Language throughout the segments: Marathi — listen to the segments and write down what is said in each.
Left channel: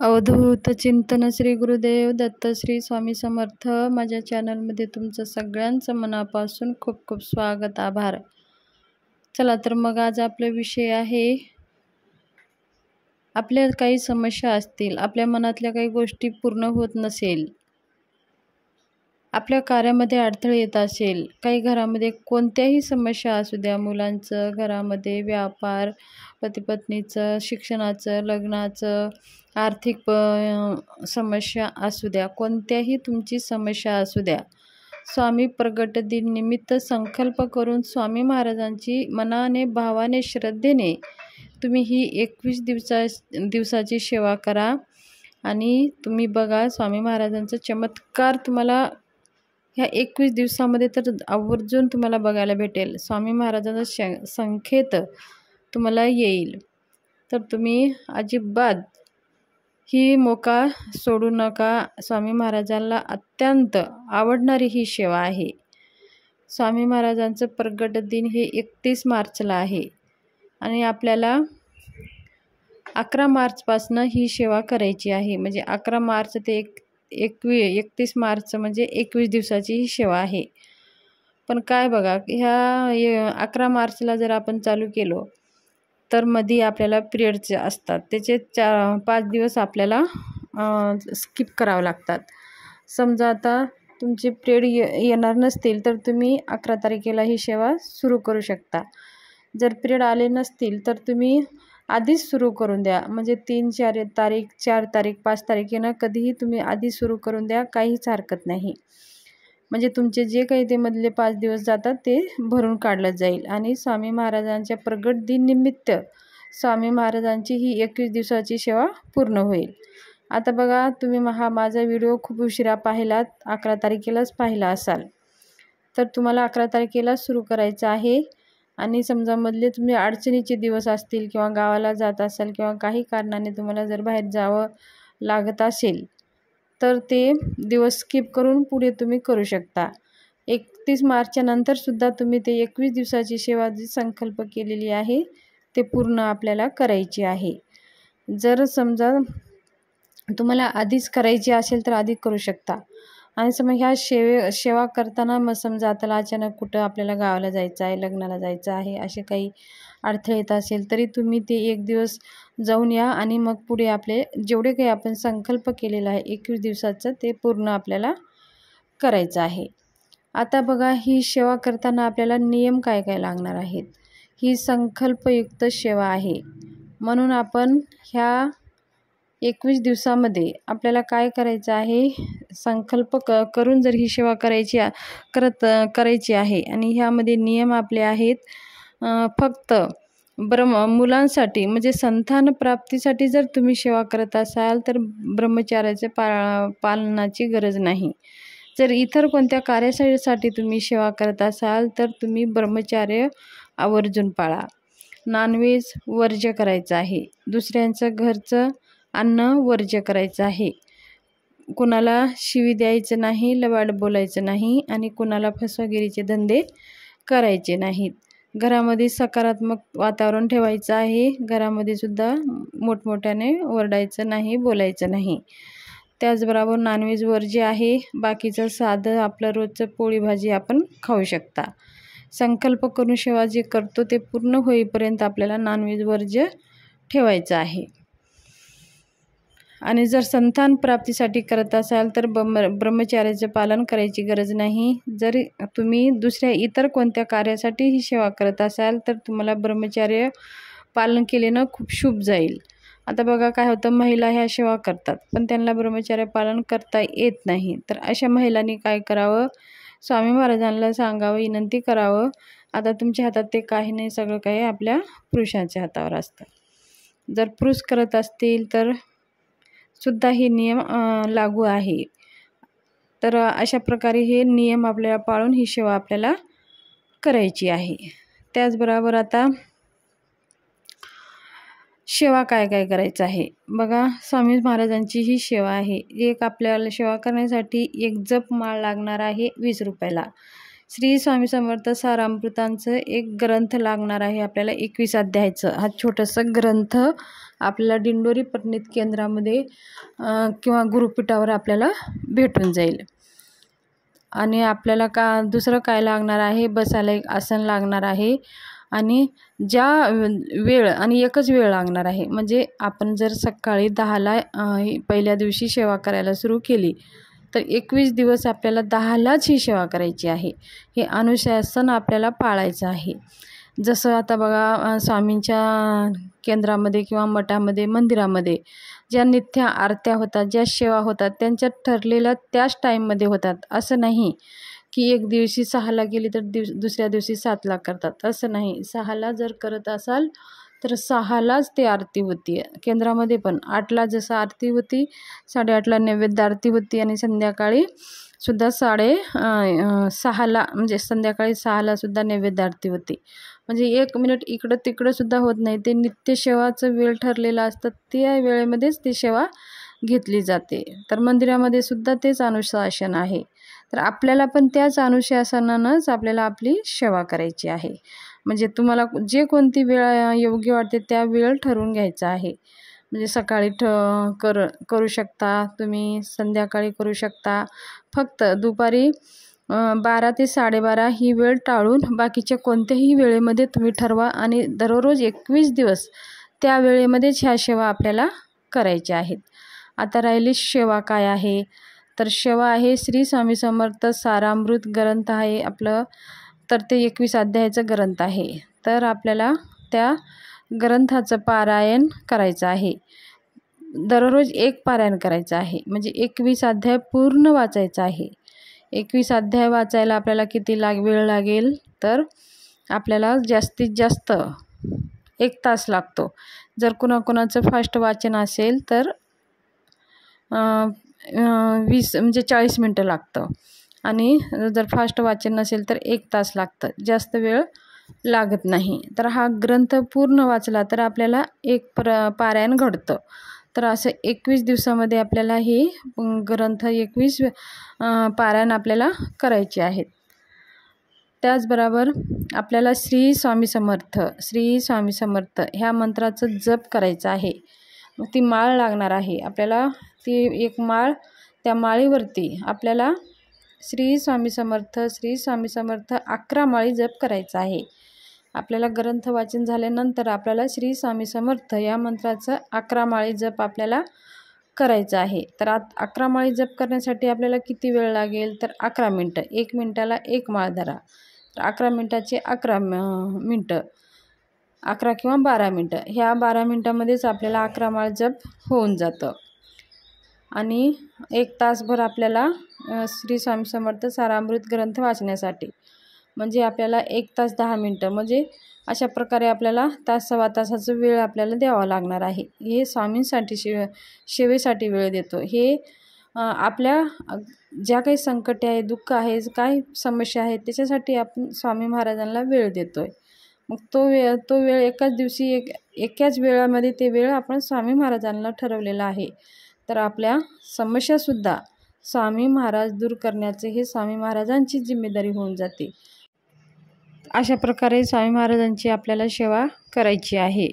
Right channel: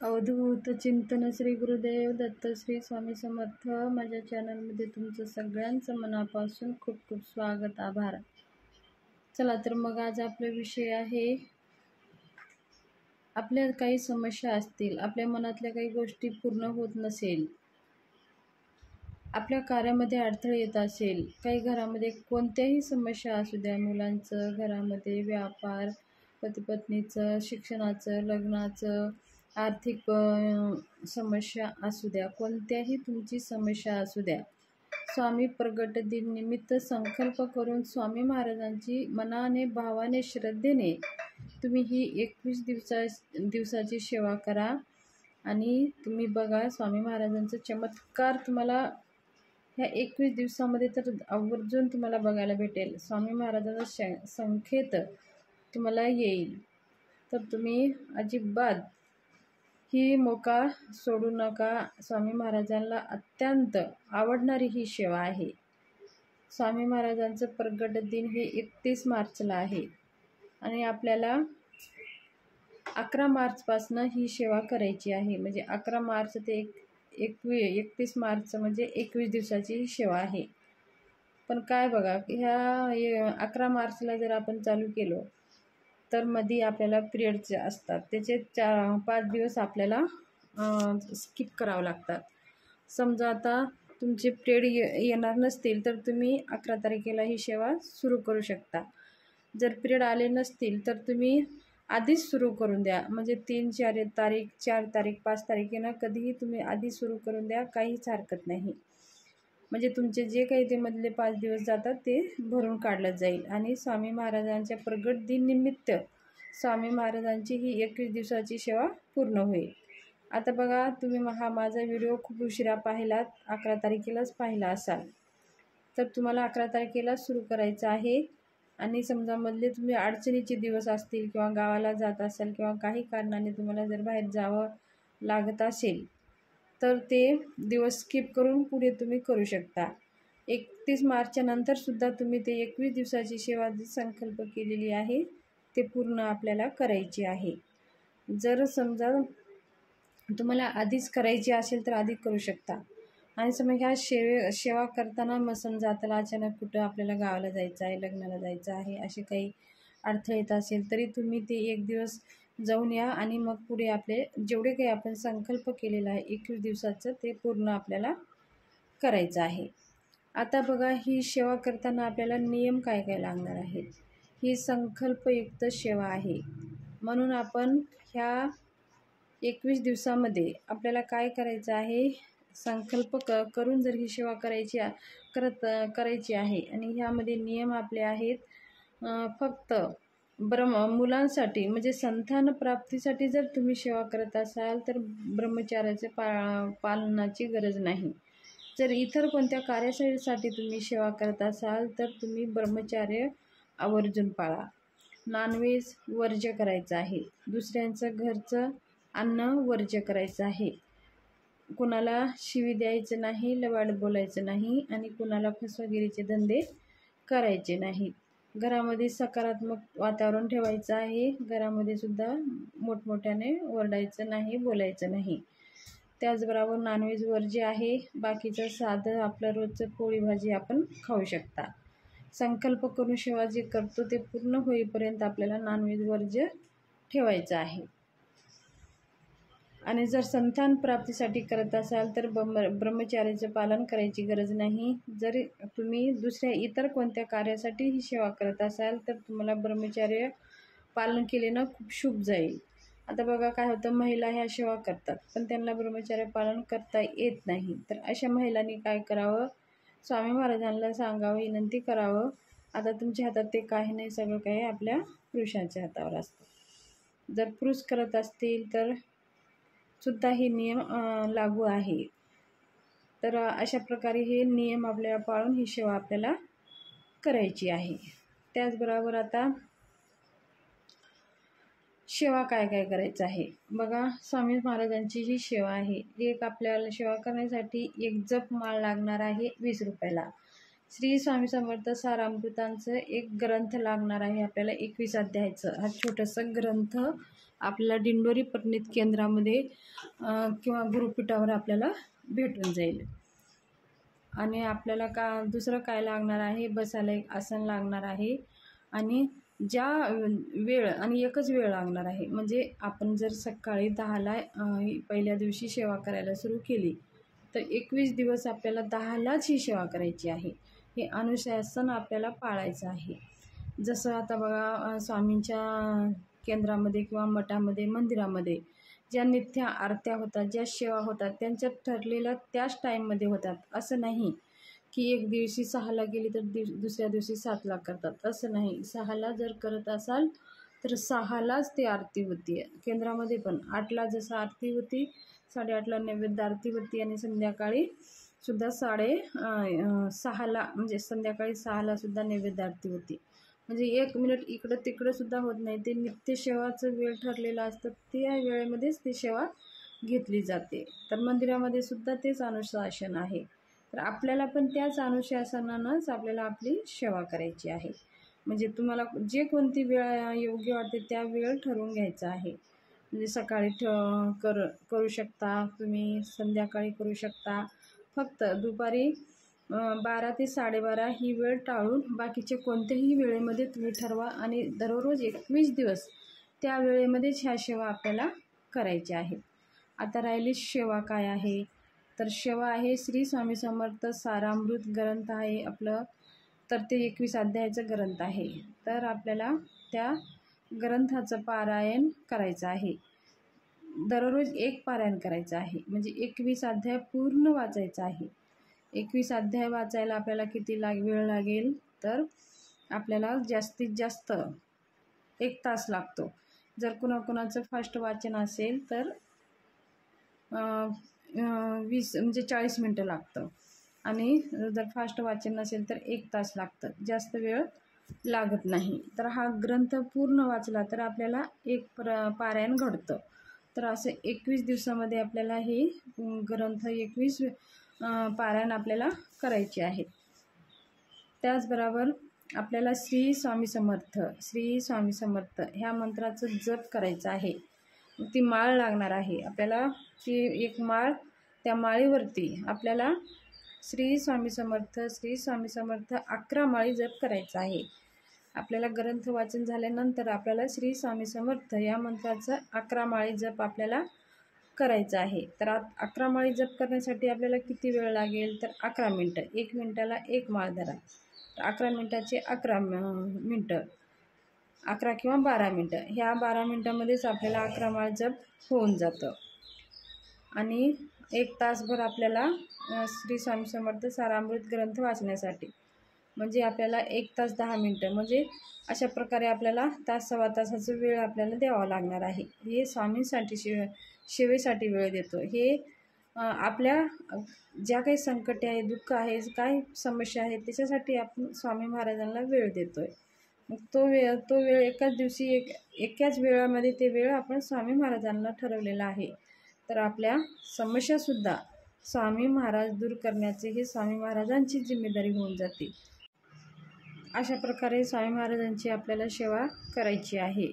अवधूत चिंतन श्री गुरुदेव दत्त श्री स्वामी समर्थ। माझ्या चॅनलमध्ये तुमचं सगळ्यांचं मनापासून खूप खूप स्वागत, आभार। चला तर मग आज आपला विषय आहे, आपल्या काही समस्या असतील, आपल्या मनातल्या काही गोष्टी पूर्ण होत नसेल, आपल्या कार्यामध्ये अडथळे येत असेल, काही घरामध्ये कोणत्याही समस्या असू द्या, मुलांचं, घरामध्ये व्यापार, पती पत्नीचं, शिक्षणाचं, लग्नाचं, आर्थिक समस्या असू द्या, कोणत्याही तुमची समस्या असू द्या, स्वामी प्रगट दिन निमित्त संकल्प करून स्वामी महाराजांची मनाने, भावाने, श्रद्धेने तुम्ही ही 21 दिवसाची सेवा करा आणि तुम्ही बघा स्वामी महाराजांचा चमत्कार तुम्हाला ह्या 21 दिवसामध्ये तर आवर्जून तुम्हाला बघायला भेटेल। स्वामी महाराजांचा संकेत तुम्हाला येईल। तर तुम्ही अजिबात ही मौका सोडू नका। स्वामी महाराजांना अत्यंत आवडणारी ही सेवा आहे। स्वामी महाराजांचं प्रगट दिन हे 31 मार्चला आहे आणि आपल्याला 11 मार्चपासून ही सेवा करायची आहे। म्हणजे 11 मार्च ते 31 मार्च म्हणजे 21 दिवसाची ही सेवा आहे। पण काय बघा, ह्या 11 मार्चला जर आपण चालू केलो तर मध्ये आपल्याला पिरियडचे असतात, त्याचे 5 दिवस आपल्याला स्किप करावं लागतात। समजा आता तुमचे पिरियड येणार नसतील तर तुम्ही 11 तारखेला ही सेवा सुरू करू शकता। जर पिरियड आले नसतील तर तुम्ही आधीच सुरू करून द्या। म्हणजे 3-4 तारीख, 4 तारीख, 5 तारखेनं कधीही तुम्ही आधी सुरू करून द्या, काहीच हरकत नाही। म्हणजे तुमचे जे काही ते मधले 5 दिवस जातात ते भरून काढलं जाईल आणि स्वामी महाराजांच्या प्रगट दिन निमित्त स्वामी महाराजांची ही 21 दिवसाची सेवा पूर्ण होईल। आता बघा, तुम्ही माझा व्हिडिओ खूप उशिरा पाहिलात, 11 तारखेलाच पाहिला असाल, तर तुम्हाला 11 तारखेला सुरू करायचं आहे। आणि समजा मधले तुम्ही अडचणीचे दिवस असतील किंवा गावाला जात असाल किंवा काही कारणाने तुम्हाला जर बाहेर जावं लागत असेल तर ते दिवस स्किप करून पुढे तुम्ही करू शकता। 31 मार्चच्या नंतरसुद्धा तुम्ही ते 21 दिवसाची सेवा जी संकल्प केलेली आहे ते पूर्ण आपल्याला करायची आहे। जर समजा तुम्हाला आधीच करायची असेल तर आधी करू शकता। आणि समजा ह्या सेवा करताना मग समजा आता अचानक कुठं आपल्याला गावाला जायचं आहे, लग्नाला जायचं आहे, असे काही अडथळे येत असेल तरी तुम्ही ते 1 दिवस जाऊन या आणि मग पुढे आपले जेवढे काही आपण संकल्प केलेला आहे 21 दिवसाचं ते पूर्ण आपल्याला करायचं आहे। आता बघा, ही सेवा करताना आपल्याला नियम काय काय लागणार आहेत। ही संकल्पयुक्त सेवा आहे, म्हणून आपण ह्या 21 दिवसामध्ये आपल्याला काय करायचं आहे, संकल्प करून जर ही सेवा करायची आहे। आणि ह्यामध्ये नियम आपले आहेत, फक्त मुलांसाठी म्हणजे संतान प्राप्तीसाठी जर तुम्ही सेवा करत असाल तर ब्रह्मचार्याचे पालनाची गरज नाही। जर इतर कोणत्या कार्यासाठी तुम्ही सेवा करत असाल तर तुम्ही ब्रह्मचार्य आवर्जून पाळा। नॉनव्हेज वर्ज्य करायचं आहे, दुसऱ्यांचं घरचं अन्न वर्ज्य करायचं आहे, कुणाला शिवी द्यायचं नाही, लबाड बोलायचं नाही आणि कुणाला फसवेगिरीचे धंदे करायचे नाहीत। घरामध्ये सकारात्मक वातावरण ठेवायचं आहे, घरामध्ये सुद्धा मोठमोठ्याने ओरडायचं नाही, बोलायचं नाही। त्याचबरोबर नॉनव्हेज वर्ज्य आहे, बाकीचं साधं आपलं रोजचं पोळी भाजी आपण खाऊ शकता। संकल्प करून सेवा जे करतो ते पूर्ण होईपर्यंत आपल्याला नॉनव्हेज वर्ज्य ठेवायचं आहे। आणि जर संतान प्राप्तीसाठी करत असाल तर ब्रह्मचार्याचे पालन करायची गरज नाही। जर तुम्ही दुसऱ्या इतर कोणत्या कार्यासाठी ही सेवा करत असाल तर तुम्हाला ब्रह्मचार्य पालन केल्यानं खूप शुभ जाईल। आता बघा काय होतं, महिला ह्या सेवा करतात पण त्यांना ब्रह्मचार्य पालन करता येत नाही, तर अशा महिलांनी काय करावं, स्वामी महाराजांना सांगावं, विनंती करावं। आता तुमच्या हातात ते काही नाही, सगळं काही आपल्या पुरुषांच्या हातावर असतं। जर पुरुष करत असतील तर सुद्धा हे नियम लागू आहे। तर अशा प्रकारे हे नियम आपल्याला पाळून ही सेवा आपल्याला करायची आहे। त्याचबरोबर आता सेवा काय काय करायचं आहे बघा, स्वामी महाराजांची ही सेवा आहे। एक आपल्याला सेवा करण्यासाठी एक जप माळ लागणार आहे 20 रुपयाला। श्री स्वामी समर्थ सारामृतांचं एक ग्रंथ लागणार आहे आपल्याला 21 अध्यायाचं। हा छोटासा ग्रंथ आपल्याला दिंडोरी परिणित केंद्रामध्ये किंवा गुरुपीठावर आपल्याला भेटून जाईल. आणि आपल्याला दुसरं काय लागणार आहे, बसायला एक आसन लागणार आहे आणि ज्या वेळ आणि एकच वेळ लागणार आहे. म्हणजे आपण जर सकाळी 10ला पहिल्या दिवशी सेवा करायला सुरू केली तर 21 दिवस आपल्याला 10लाच ही सेवा करायची आहे. हे अनुशासन आपल्याला पाळायचं आहे. जसं आता बघा स्वामींच्या केंद्रामध्ये किंवा मठामध्ये, मंदिरामध्ये ज्या नित्य आरत्या होतात, ज्या सेवा होतात, त्यांच्या ठरलेल्या त्याच टाईममध्ये होतात. असं नाही की एक दिवशी 6ला गेली तर दुसऱ्या दिवशी 7ला करतात, असं नाही. 6ला जर करत असाल तर 6लाच ती आरती होती. केंद्रामध्ये पण 8ला जसं आरती होती, 8:30ला नैवेद्य आरती होती आणि संध्याकाळी सुद्धा 6:30ला म्हणजे संध्याकाळी 6ला सुद्धा नैवेद्य आरती होती. म्हणजे 1 मिनिट इकडं तिकडं सुद्धा होत नाही. ते नित्य सेवाचं वेळ ठरलेला असतं, त्या वेळेमध्येच ती सेवा घेतली जाते. तर मंदिरामध्ये सुद्धा तेच अनुशासन आहे. तर आपल्याला पण त्याच अनुशासनानंच आपल्याला आपली सेवा करायची आहे. म्हणजे तुम्हाला जे कोणती वेळ योग्य वाटते त्या वेळ ठरवून घ्यायचा आहे. म्हणजे सकाळी करू शकता तुम्ही, संध्याकाळी करू शकता. फक्त दुपारी 12 ते 12:30 ही वेळ टाळून बाकीच्या कोणत्याही वेळेमध्ये तुम्ही ठरवा आणि दररोज 21 दिवस त्या वेळेमध्येच ह्या सेवा आपल्याला करायच्या आहेत. आता राहिली सेवा काय आहे, तर सेवा आहे श्री स्वामी समर्थ सारामृत ग्रंथ आहे आपलं. तर ते 21 अध्यायाचं ग्रंथ आहे. तर आपल्याला त्या ग्रंथाचं पारायण करायचं आहे. दररोज एक पारायण करायचं आहे. म्हणजे 21 अध्याय पूर्ण वाचायचं आहे. 21 अध्याय वाचायला आपल्याला किती वेळ लागेल, तर आपल्याला जास्तीत जास्त 1 तास लागतो. जर कुणाकुणाचं फास्ट वाचन असेल तर 20 म्हणजे 40 मिनटं लागतं आणि जर फास्ट वाचन नसेल तर 1 तास लागतं. जास्त वेळ लागत नाही. तर हा ग्रंथ पूर्ण वाचला तर आपल्याला एक पारायण घडतं. तर असं 21 दिवसामध्ये आपल्याला हे ग्रंथ 21 पारायण आपल्याला करायचे आहेत. त्याचबरोबर आपल्याला श्री स्वामी समर्थ, श्री स्वामी समर्थ ह्या मंत्राचं जप करायचं आहे. ती माळ लागणार आहे आपल्याला. ती एक माळ, त्या माळीवरती आपल्याला श्री स्वामी समर्थ, श्री स्वामी समर्थ 11 माळी जप करायचा आहे. आपल्याला ग्रंथ वाचन झाल्यानंतर आपल्याला श्री स्वामी समर्थ या मंत्राचं 11 माळी जप आपल्याला करायचं आहे. तर 11 माळी जप करण्यासाठी आपल्याला किती वेळ लागेल, तर 11 मिनटं. 1 मिनटाला 1 माळ धरा. तर 11 मिनटाचे 11 मिनटं, 11 किंवा 12 मिनटं. ह्या 12 मिनटामध्येच आपल्याला 11 माळ जप होऊन जातं. आणि 1 तासभर आपल्याला श्री स्वामी समर्थ सारामृत ग्रंथ वाचण्यासाठी, म्हणजे आपल्याला 1 तास 10 मिनटं, म्हणजे अशा प्रकारे आपल्याला सव्वा तासाचा वेळ आपल्याला द्यावा लागणार आहे. हे स्वामींसाठी सेवेसाठी वेळ देतो. हे आपल्या ज्या काही संकटे आहे, दुःख आहे, काय समस्या आहेत, त्याच्यासाठी आपण स्वामी महाराजांना वेळ देतो आहे. मग तो वेळ एकाच दिवशी एकाच वेळामध्ये ते वेळ आपण स्वामी महाराजांना ठरवलेला आहे. तर आपल्या समस्यासुद्धा स्वामी महाराज दूर करण्याचे हे स्वामी महाराजांची जिम्मेदारी होऊन जाते. अशा प्रकारे स्वामी महाराजांची आपल्याला सेवा करायची आहे.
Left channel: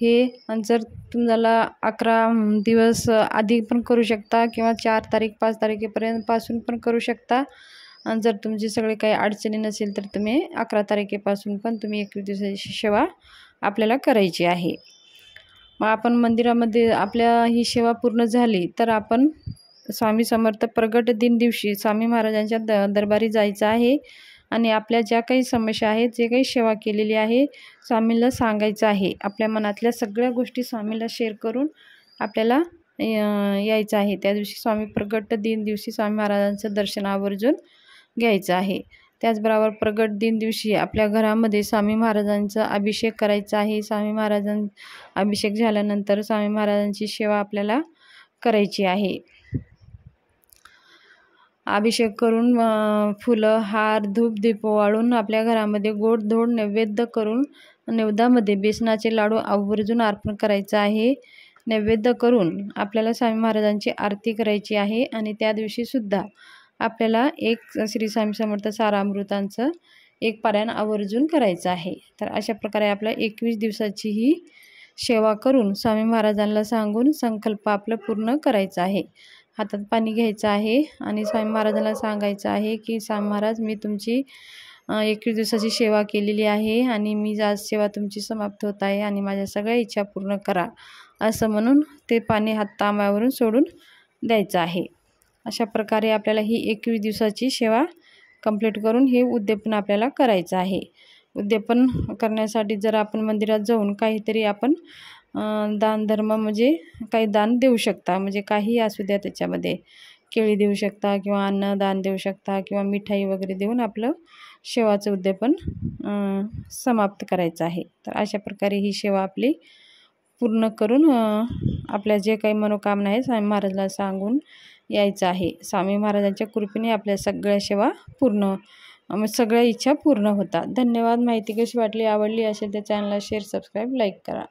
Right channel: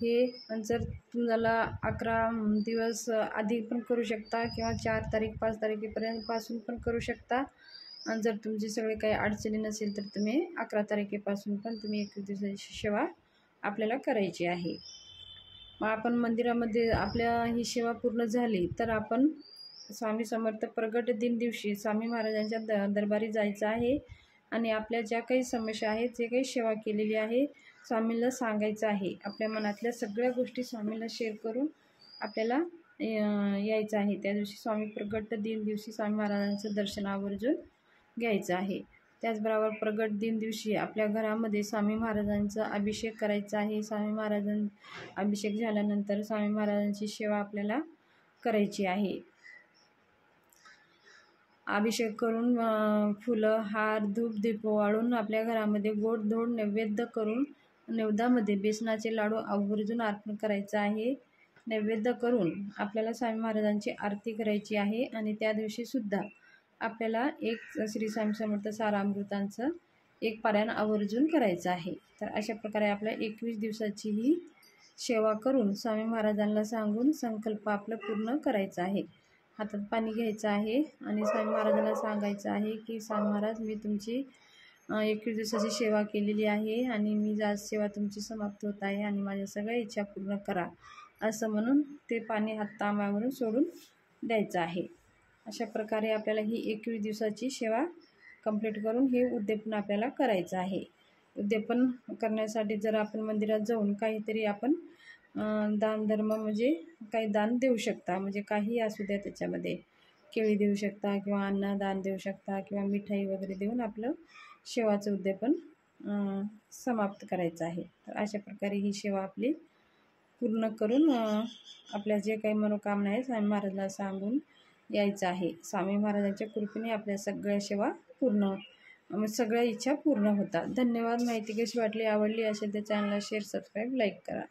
हे जर तुम्हाला 11 दिवस आधी पण करू शकता किंवा 4 तारीख 5 तारखेपासून पण करू शकता. आणि जर तुमची सगळे काही अडचणी नसेल तर तुम्ही 11 तारखेपासून पण तुम्ही 21 दिवसाची सेवा आपल्याला करायची आहे. मग आपण मंदिरामध्ये आपल्या ही सेवा पूर्ण झाली तर आपण स्वामी समर्थ प्रगट दिन दिवशी स्वामी महाराजांच्या दरबारी जायचं आहे आणि आपल्या ज्या काही समस्या आहेत, जे काही सेवा केलेली आहे, स्वामीला सांगायचं आहे. आपल्या मनातल्या सगळ्या गोष्टी स्वामीला शेअर करून आपल्याला यायचं आहे. त्या दिवशी स्वामी प्रगट दिन दिवशी स्वामी महाराजांचं दर्शन आवर्जून घ्यायचं आहे. त्याचबरोबर प्रगट दिन दिवशी आपल्या घरामध्ये स्वामी महाराजांचा अभिषेक करायचा आहे. स्वामी अभिषेक झाल्यानंतर स्वामी महाराजांची सेवा आपल्याला करायची आहे. अभिषेक करून फुलं, हार, धूप, दीप वाळून आपल्या घरामध्ये गोड-धोड नैवेद्य करून नैवेद्यामध्ये बेसनाचे लाडू आवर्जून अर्पण करायचं आहे. नैवेद्य करून आपल्याला स्वामी महाराजांची आरती करायची आहे आणि त्या दिवशीसुद्धा आपल्याला एक श्री स्वामी समर्थ सारामृतांचं एक पारायण आवर्जून करायचं आहे. तर अशा प्रकारे आपल्या 21 दिवसाची ही सेवा करून स्वामी महाराजांना सांगून संकल्प आपलं पूर्ण करायचा आहे. हातात पाणी घ्यायचं आहे आणि स्वामी महाराजांना सांगायचं आहे की स्वामी महाराज, मी तुमची 21 दिवसाची सेवा केलेली आहे आणि मी आज सेवा तुमची समाप्त होत आहे आणि माझ्या सगळ्या इच्छा पूर्ण करा, असं म्हणून ते पाणी हात तांब्यावरून सोडून द्यायचं आहे. अशा प्रकारे आपल्याला ही 21 दिवसाची सेवा कंप्लीट करून हे उद्यापन आपल्याला करायचं आहे. उद्यापन करण्यासाठी जर आपण मंदिरात जाऊन काहीतरी आपण दानधर्म म्हणजे काही दान देऊ शकता, म्हणजे काही असू द्या, त्याच्यामध्ये केळी देऊ शकता किंवा अन्नदान देऊ शकता किंवा मिठाई वगैरे देऊन आपलं सेवाचं उद्यापन समाप्त करायचं आहे. तर अशा प्रकारे ही सेवा आपली पूर्ण करून आपल्या जे काही मनोकामना आहे स्वामी महाराजांना सांगून यायचं आहे. स्वामी महाराजांच्या कृपेने आपल्या सगळ्या सेवा पूर्ण, सगळ्या इच्छा पूर्ण होतात. धन्यवाद. माहिती कशी वाटली, आवडली असेल तर चॅनलला शेअर, सबस्क्राईब, लाईक करा.